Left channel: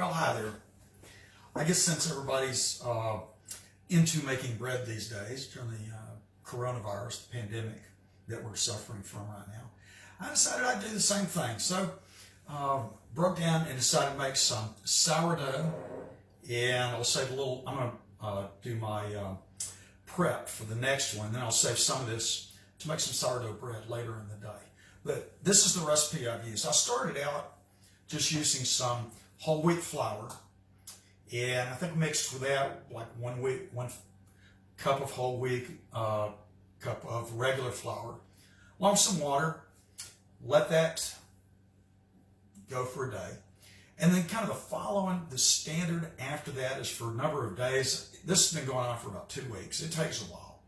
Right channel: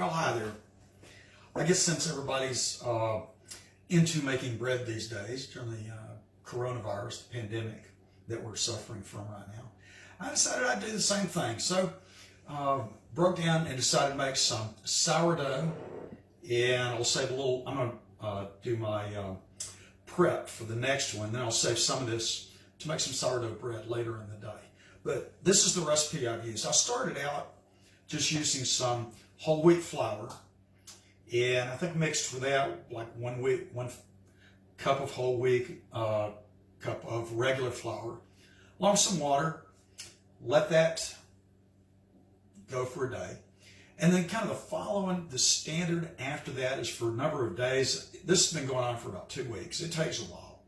Well, hi there. I guess since everybody's into making bread these days during the coronavirus, the pandemic that we're suffering from right now, I decided I'd do the same thing. So broke down and decided to make some sourdough, and I'll save a little. I'm going to do my prep for the next one, then I'll save some of this to make some sourdough bread later in the day. But this is the recipe I've used. I started out just using some whole wheat flour, and I think mixed with that like one cup of whole wheat, cup of regular flour, along with some water. Let that go for a day. And then kind of the standard after that is for a number of days. This has been going on for about 2 weeks. It takes a while.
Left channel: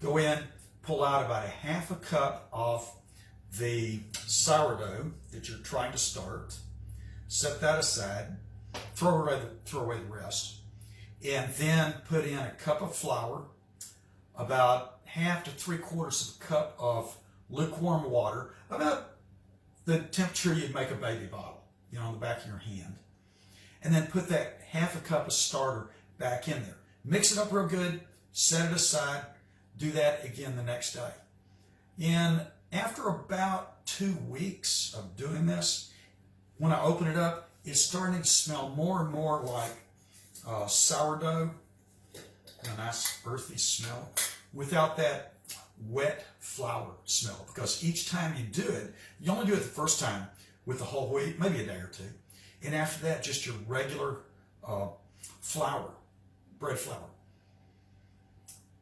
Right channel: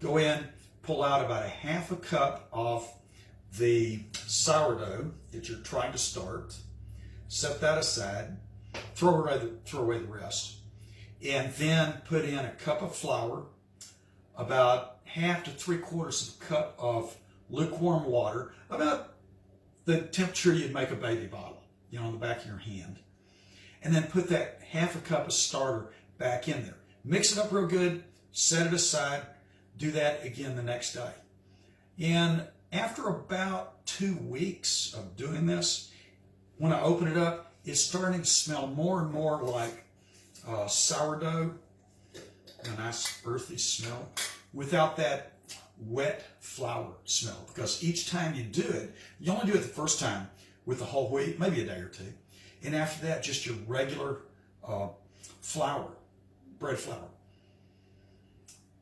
Go in, pull out about a half a cup of the sourdough that you're trying to start. Set that aside. Throw away the rest. And then put in a cup of flour, about half to 3/4 of a cup of lukewarm water, about the temperature you'd make a baby bottle, on the back of your hand. And then put that half a cup of starter back in there. Mix it up real good, set it aside, do that again the next day. And after about 2 weeks of doing this, when I open it up, it's starting to smell more and more like sourdough, a nice earthy smell, without that wet flour smell. Because each time you do it, you only do it the first time with the whole wheat, maybe a day or two. And after that, just your regular flour, bread flour.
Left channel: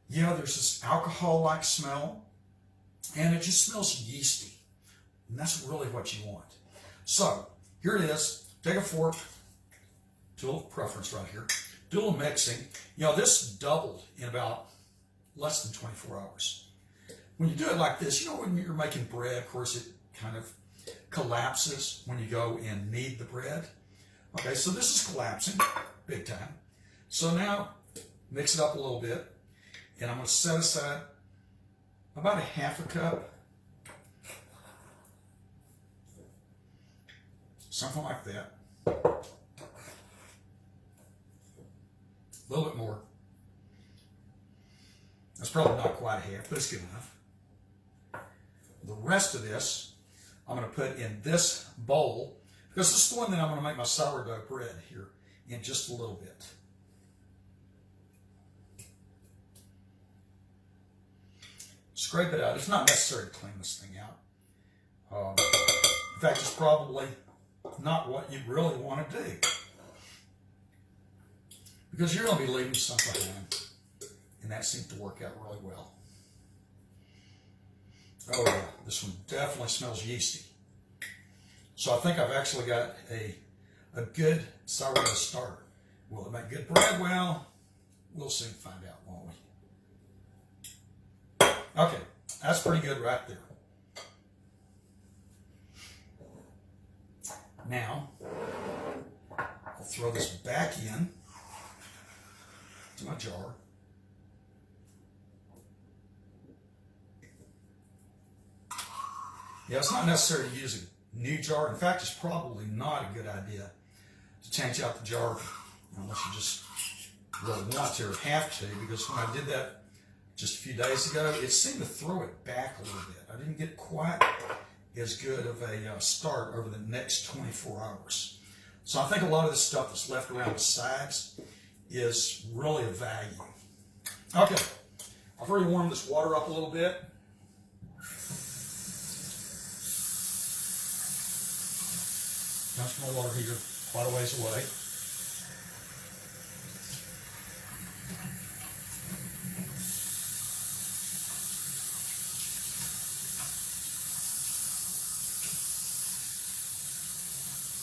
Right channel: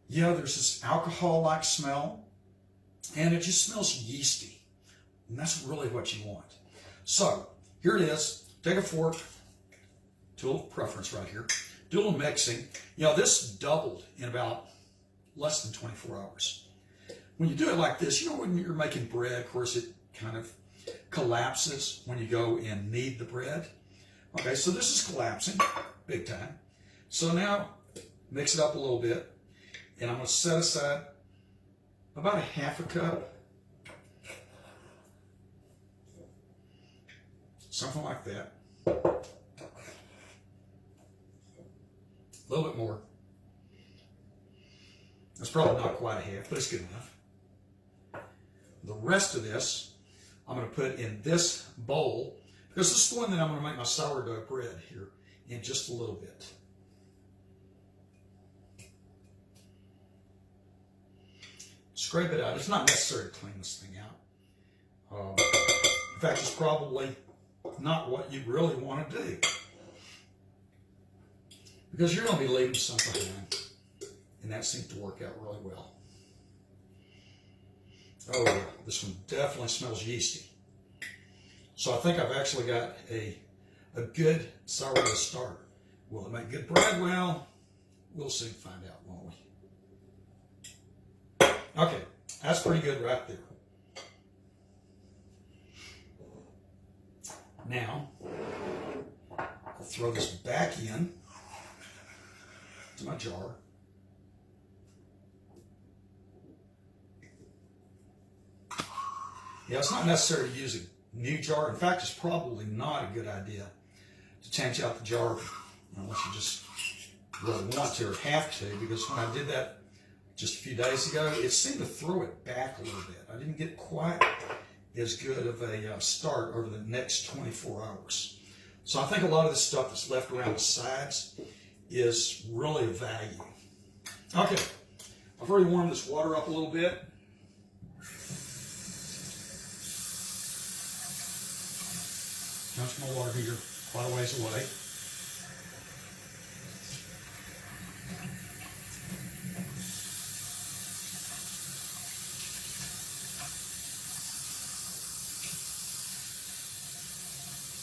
There's this alcohol-like smell, and it just smells yeasty. And that's really what you want. So, here it is. Take a fork, do a little preference right here. Do a little mixing. This doubled in about less than 24 hours. When you do it like this, when you're making bread, of course, it kind of collapses when you go and knead the bread. Okay, so this is collapsing big time. So now mix it up a little bit, and I'm going to set aside about a half a cup, something like that. A little bit more. That's probably not quite a half, but it's good enough. The rest of this I'm going to put in this bowl, because this is the one that I'm going to make my sourdough bread here in just a little bit. Scrape it out. It's not necessary to clean this thing out. In fact, it's probably not what you really want to do, because you're going to be leaving something behind, and that seemed to work out really well. Oh yeah, this one definitely smells yeasty. So I think I've actually got a good sourdough starter. Will it make good bread? Well, we'll soon find out, won't we? Okay, that's pretty good right there. Now, I'll throw this back in to my jar. It's not necessary to use a new jar. In fact, it's probably not a good idea to change out the jar unless you just really want to or have to, because when I did that just a few days ago, it seemed to throw it back a little bit. I didn't get quite as good of a start over the next 24 hours. So I think a lot of this stuff that's left around the sides is really of value. Okay, I've already warmed this water up a little bit. That's my water heater quite a ways away.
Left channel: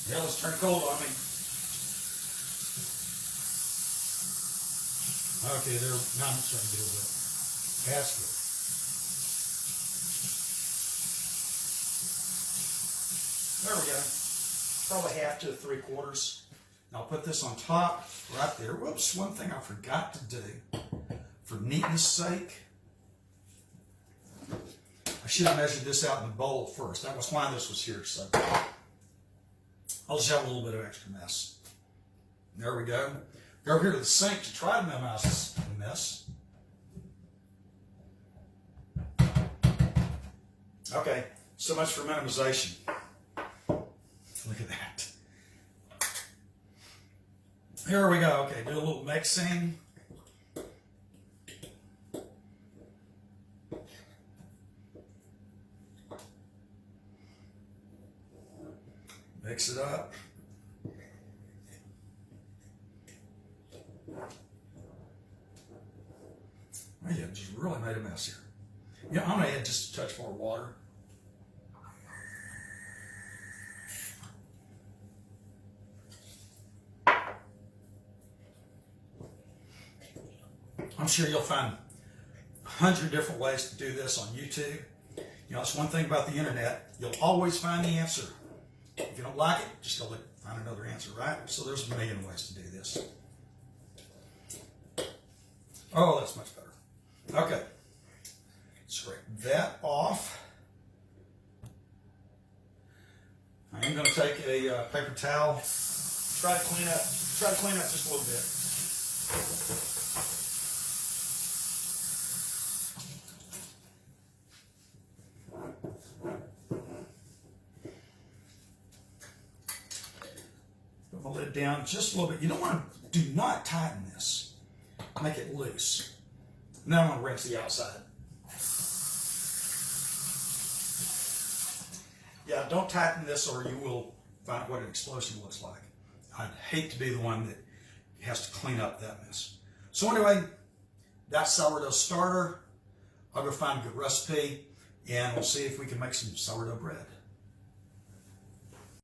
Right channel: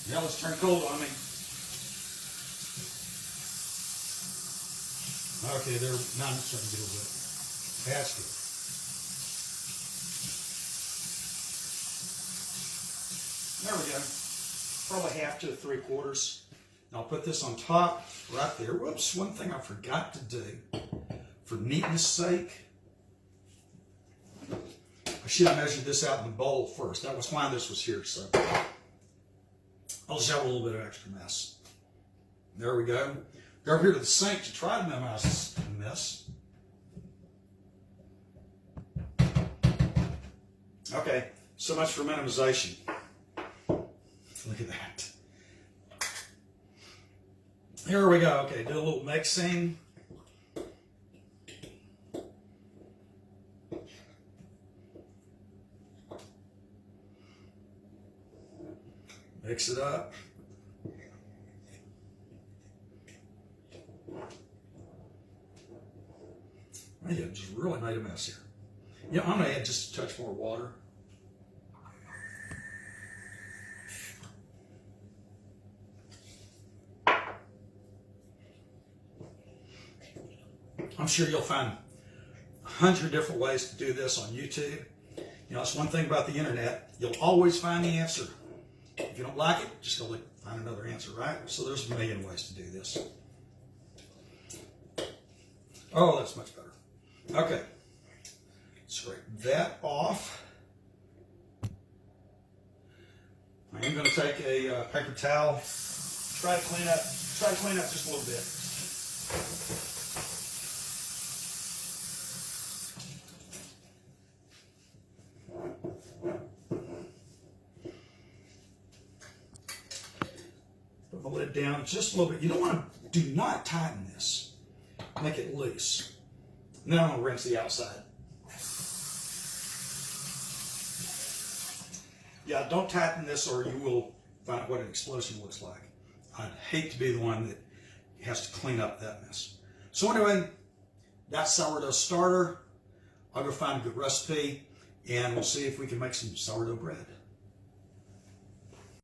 Let's turn it cold on me. Okay, now I'm starting to get a bit past it. There we go. Probably half to 3/4. I'll put this on top right there. Whoops, one thing I forgot to do for neatness sake. I should have measured this out in the bowl first. That was why this was here. So I'll just have a little bit of extra mess. There we go. Go over here to the sink to try to minimize this mess. Okay, so much for minimization. Look at that. Here we go. Okay, do a little mixing. Mix it up. I just really made a mess here. You know, I'm going to add just a touch more water. I'm sure you'll find 100 different ways to do this on YouTube. You know, that's one thing about the internet. You'll always find the answer. If you don't like it, just go find another answer, right? So there's a million ways to do this. Oh, that's much better. Okay. Scrape that off. I'm going to take a paper towel, try to clean up just a little bit. Put the lid down just a little bit. You don't want to, do not tighten this. Make it loose. Now I'm going to rinse the outside. Yeah, don't tighten this or you will find out what an explosion looks like. I'd hate to be the one that has to clean up that mess. So anyway, that's sourdough starter. I'll go find a good recipe and we'll see if we can make some sourdough bread.